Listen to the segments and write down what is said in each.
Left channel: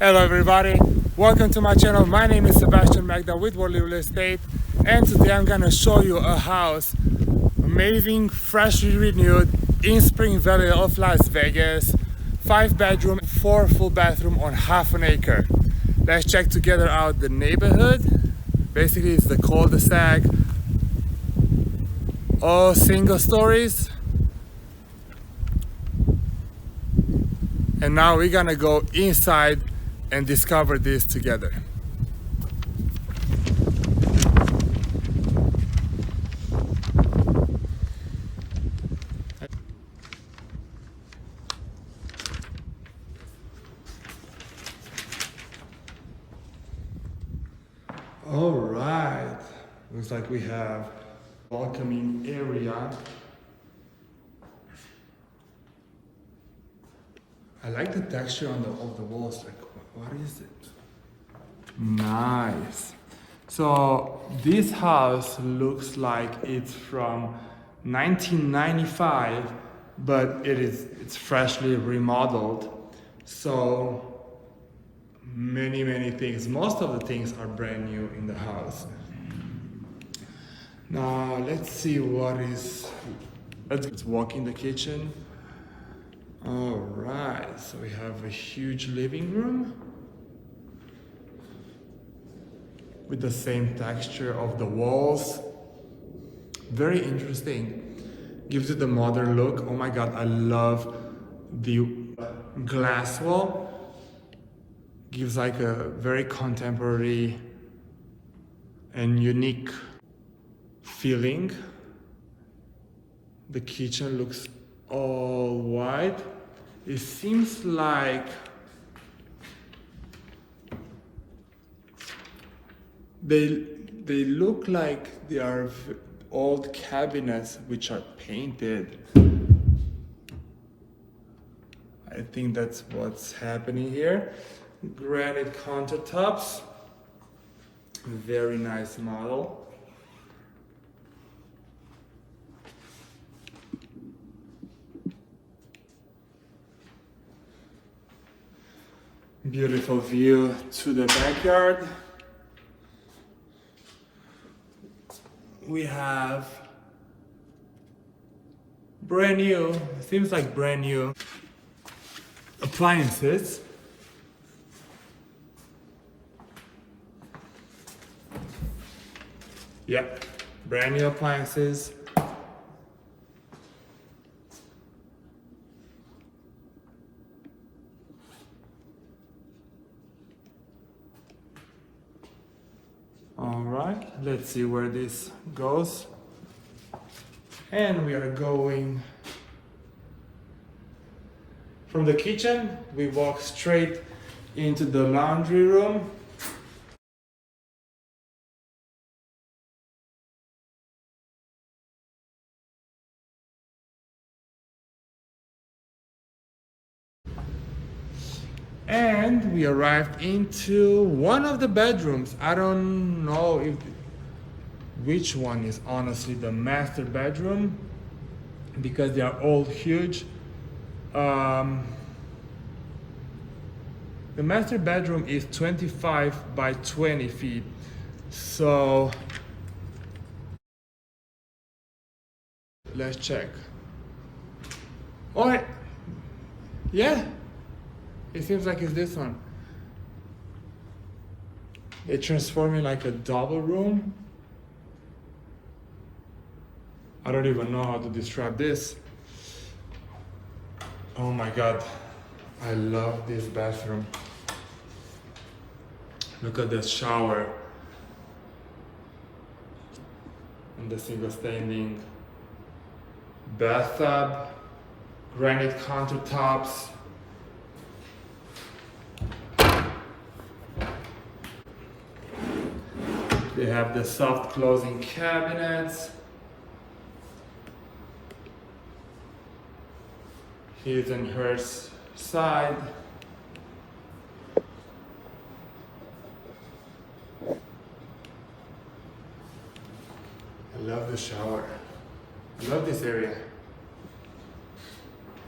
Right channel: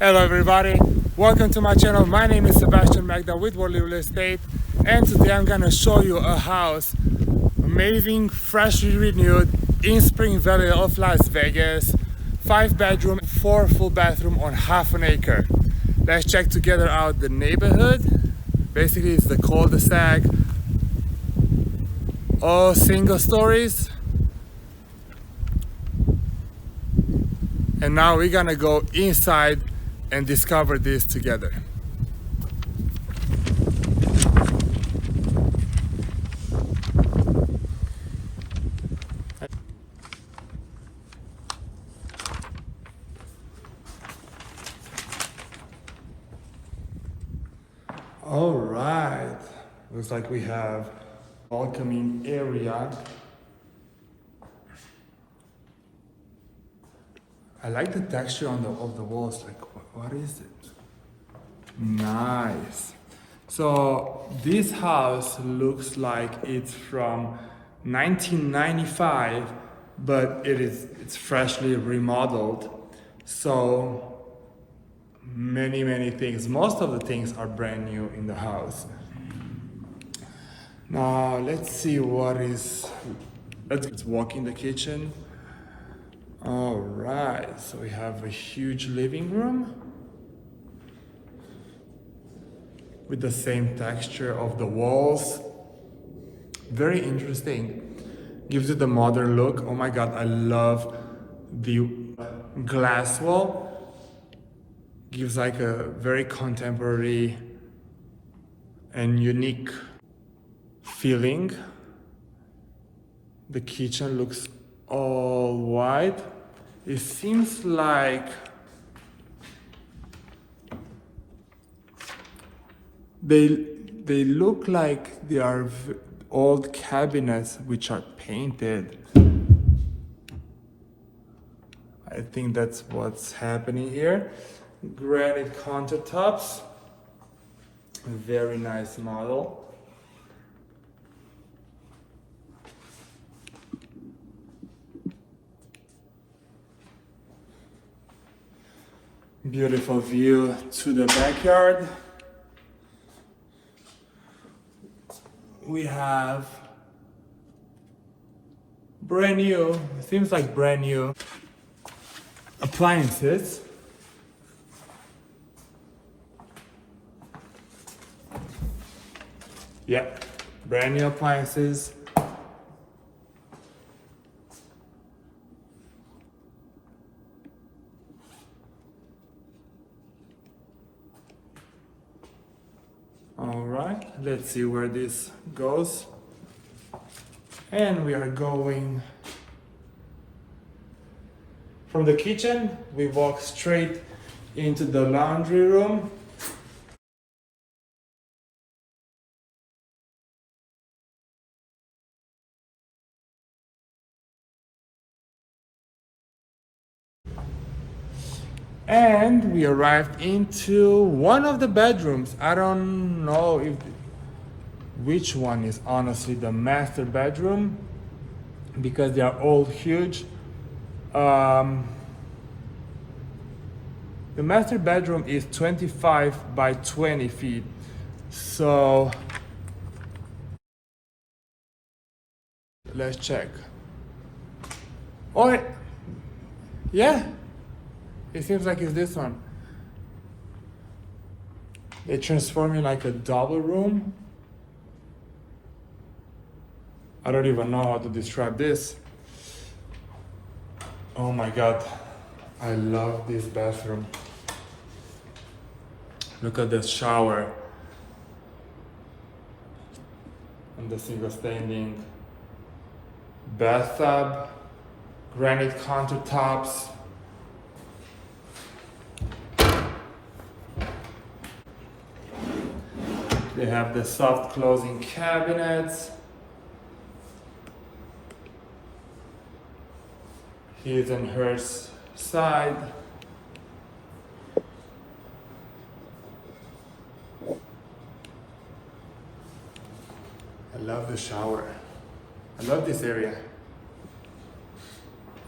Hello everybody, welcome to my channel. My name is Sebastian Magda with Worldly Real Estate, and today I'm gonna show you a house, amazing, freshly renewed in Spring Valley of Las Vegas, 5-bedroom, 4 full bathroom on half an acre. Let's check together out the neighborhood. Basically it's the cul-de-sac, all single stories. And now we're gonna go inside and discover this together. All right, looks like we have welcoming area. I like the texture on of the walls. Like, what is it? Nice. So this house looks like it's from 1995, but it's freshly remodeled. So many things. Most of the things are brand new in the house. Now let's see what is. Let's walk in the kitchen. All right, so we have a huge living room with the same texture of the walls. Very interesting. Gives it the modern look. Oh my god, I love the glass wall. Gives like a very contemporary and unique feeling. The kitchen looks all white. It seems like they look like they are old cabinets which are painted. I think that's what's happening here. Granite countertops. Very nice model. Beautiful view to the backyard. We have brand new, seems like brand new appliances. Yep, brand new appliances. All right, let's see where this goes. And we are going from the kitchen. We walk straight into the laundry room. And we arrived into one of the bedrooms. I don't know which one is honestly the master bedroom because they are all huge. The master bedroom is 25 by 20 feet. So let's check. Oh, yeah. It seems like it's this one. They transform it like a double room. I don't even know how to describe this. Oh my god, I love this bathroom. Look at this shower and the single standing bathtub, granite countertops. They have the soft closing cabinets. His and hers side. I love the shower. I love this area.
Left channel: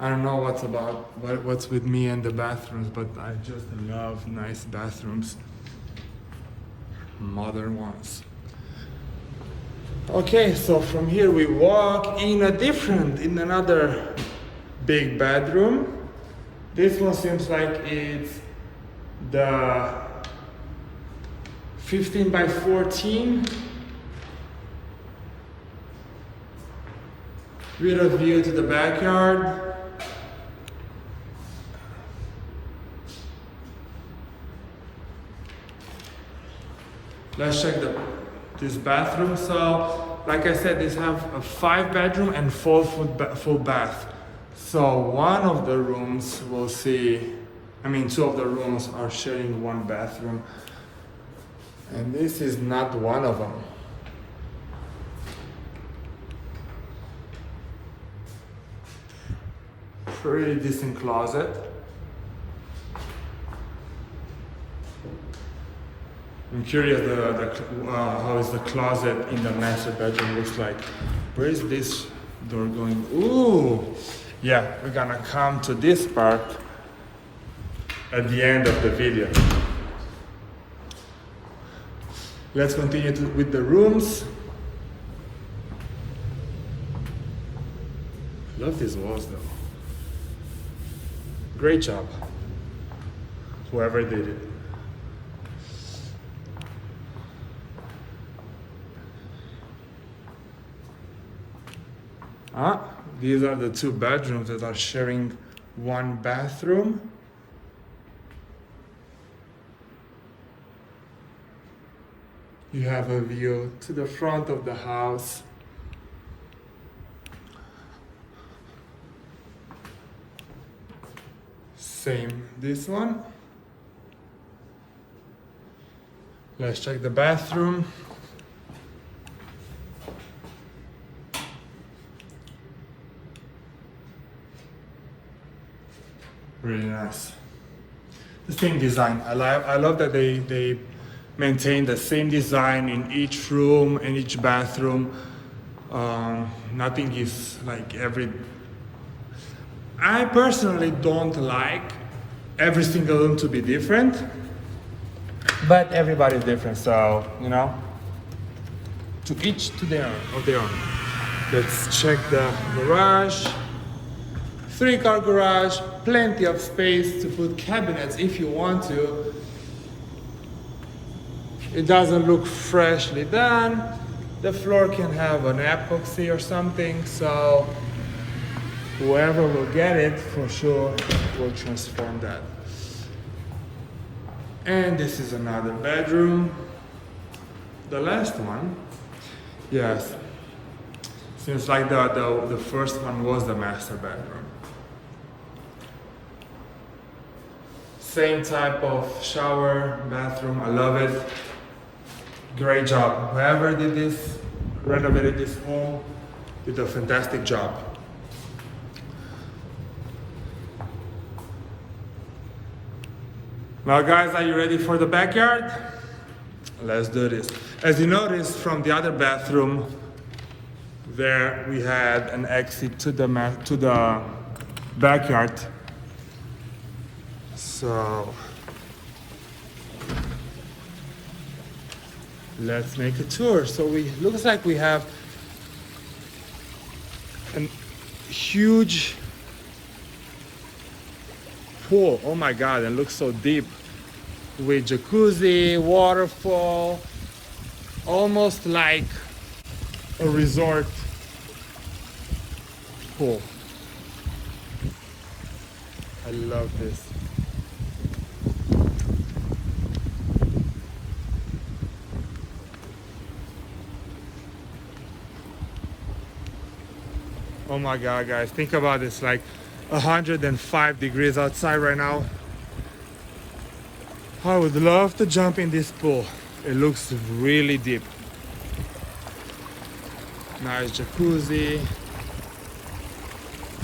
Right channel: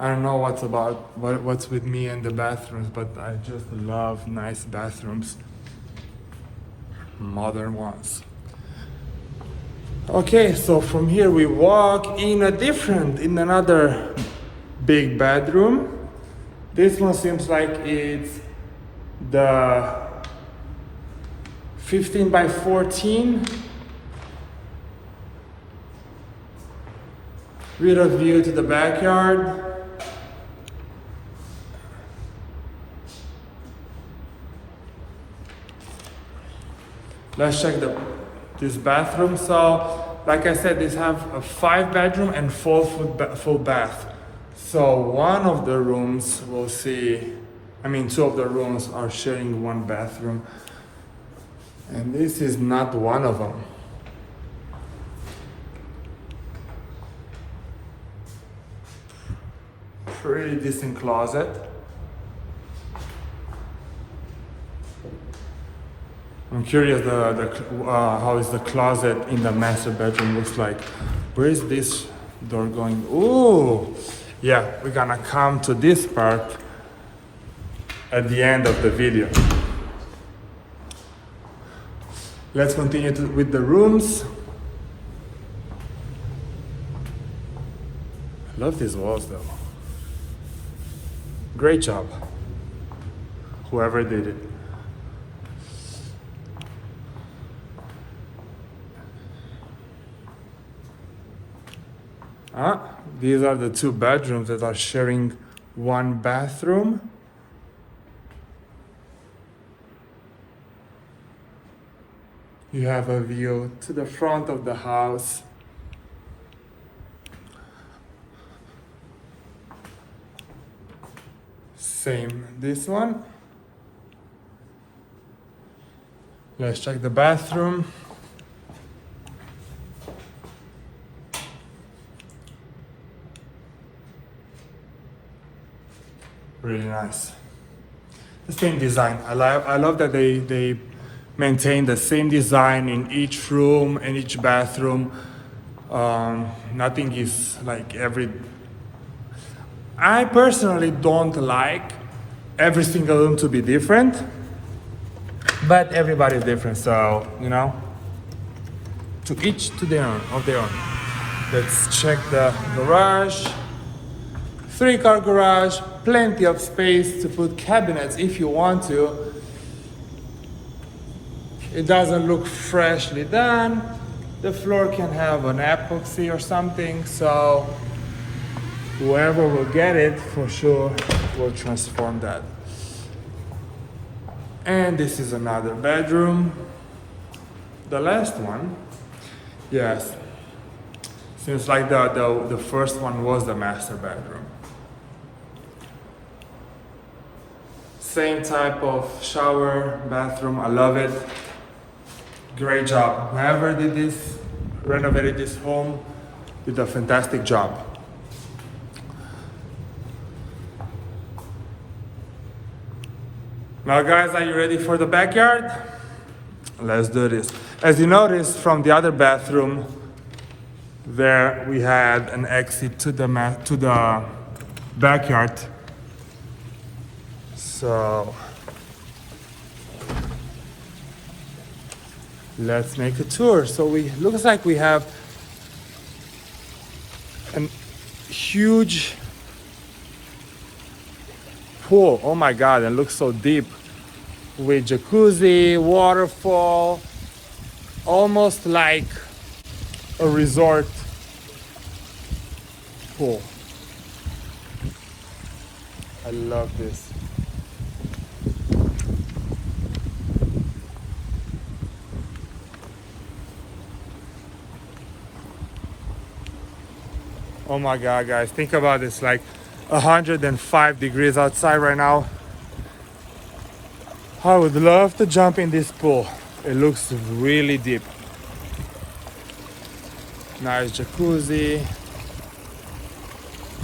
I don't know what's with me and the bathrooms, but I just love nice bathrooms, modern ones. Okay, so from here we walk in another big bedroom. This one seems like it's the 15 by 14 with a view to the backyard. Let's check this bathroom. So, like I said, these have a 5-bedroom and full bath. So one of the rooms we'll see, two of the rooms are sharing one bathroom. And this is not one of them. Pretty decent closet. I'm curious how is the closet in the master bedroom looks like. Where is this door going? Ooh, yeah, we're gonna come to this part at the end of the video. Let's continue with the rooms. I love these walls though. Great job, whoever did it. These are the 2 bedrooms that are sharing one bathroom. You have a view to the front of the house. Same this one. Let's check the bathroom. Really nice. The same design. I love that they maintain the same design in each room and each bathroom. Nothing is like I personally don't like every single room to be different, but everybody's different, so to each to their own. Let's check the garage. 3-car garage, plenty of space to put cabinets if you want to. It doesn't look freshly done. The floor can have an epoxy or something, so whoever will get it for sure will transform that. And this is another bedroom. The last one, yes, seems like the first one was the master bedroom. Same type of shower, bathroom, I love it. Great job. Whoever did this, renovated this home, did a fantastic job. Now guys, are you ready for the backyard? Let's do this. As you notice from the other bathroom, there we had an exit to the backyard. So let's make a tour. So looks like we have a huge pool. Oh my God, it looks so deep. With jacuzzi, waterfall, almost like a resort pool. I love this. Oh my God, guys, think about this, like 105 degrees outside right now. I would love to jump in this pool. It looks really deep. Nice jacuzzi.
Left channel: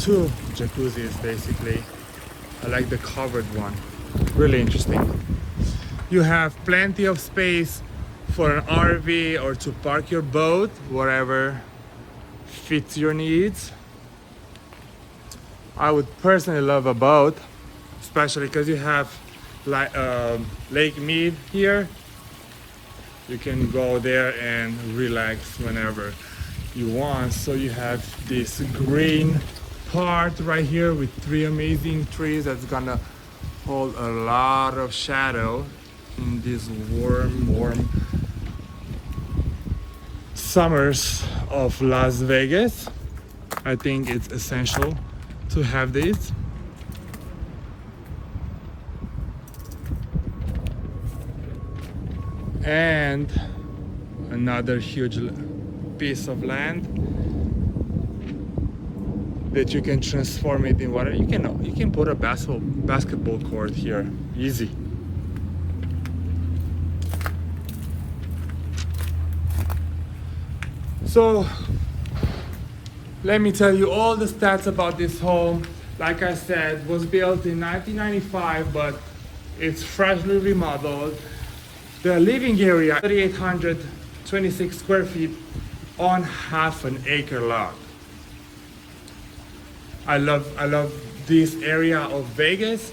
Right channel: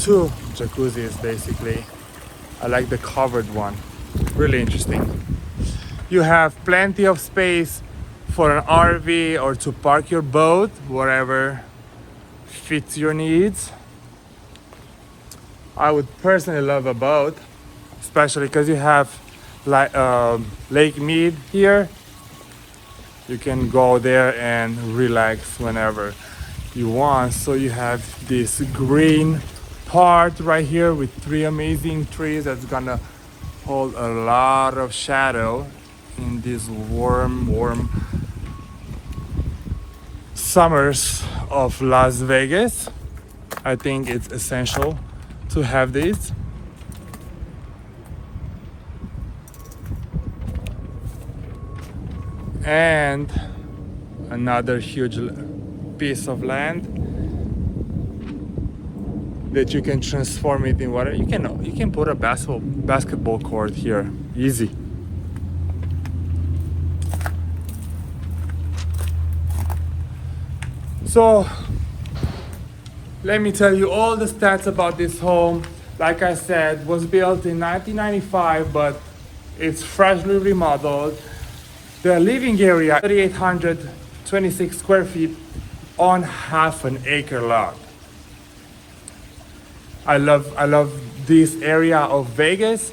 2 jacuzzis basically. I like the covered one. Really interesting. You have plenty of space for an RV or to park your boat, whatever fits your needs. I would personally love a boat, especially because you have like Lake Mead here. You can go there and relax whenever you want. So you have this green part right here with 3 amazing trees that's gonna hold a lot of shadow in these warm summers of Las Vegas. I think it's essential to have these. And another huge piece of land that you can transform it in water. You can put a basketball court here, easy. So let me tell you all the stats about this home. Like I said, was built in 1995, but it's freshly remodeled. The living area, 3,826 square feet on half an acre lot. I love this area of Vegas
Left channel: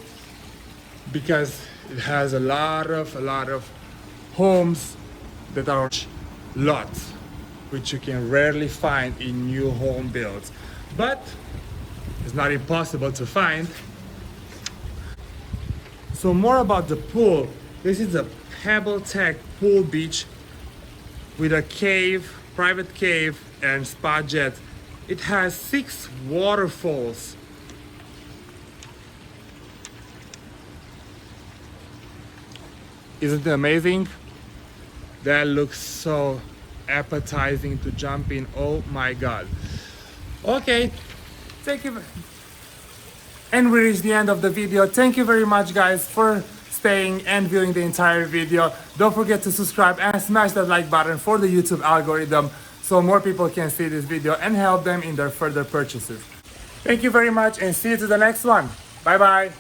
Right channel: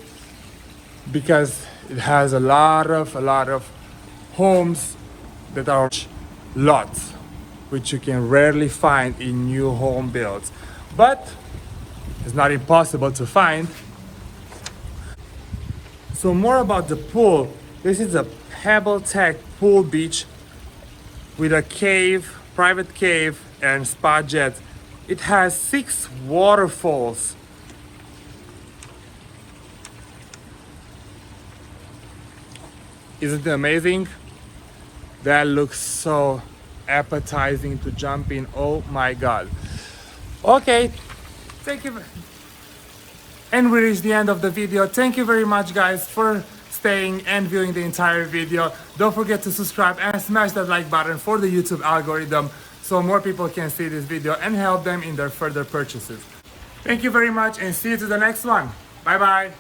because it has a lot of homes that are lots, which you can rarely find in new home builds. But it's not impossible to find. So more about the pool. This is a Pebble Tech pool beach with a cave, private cave, and spa jets. It has 6 waterfalls. Isn't it amazing? That looks so appetizing to jump in. Oh my God. Okay, thank you. And we reached the end of the video. Thank you very much, guys, for staying and viewing the entire video. Don't forget to subscribe and smash that like button for the YouTube algorithm so more people can see this video and help them in their further purchases. Thank you very much and see you to the next one. Bye bye.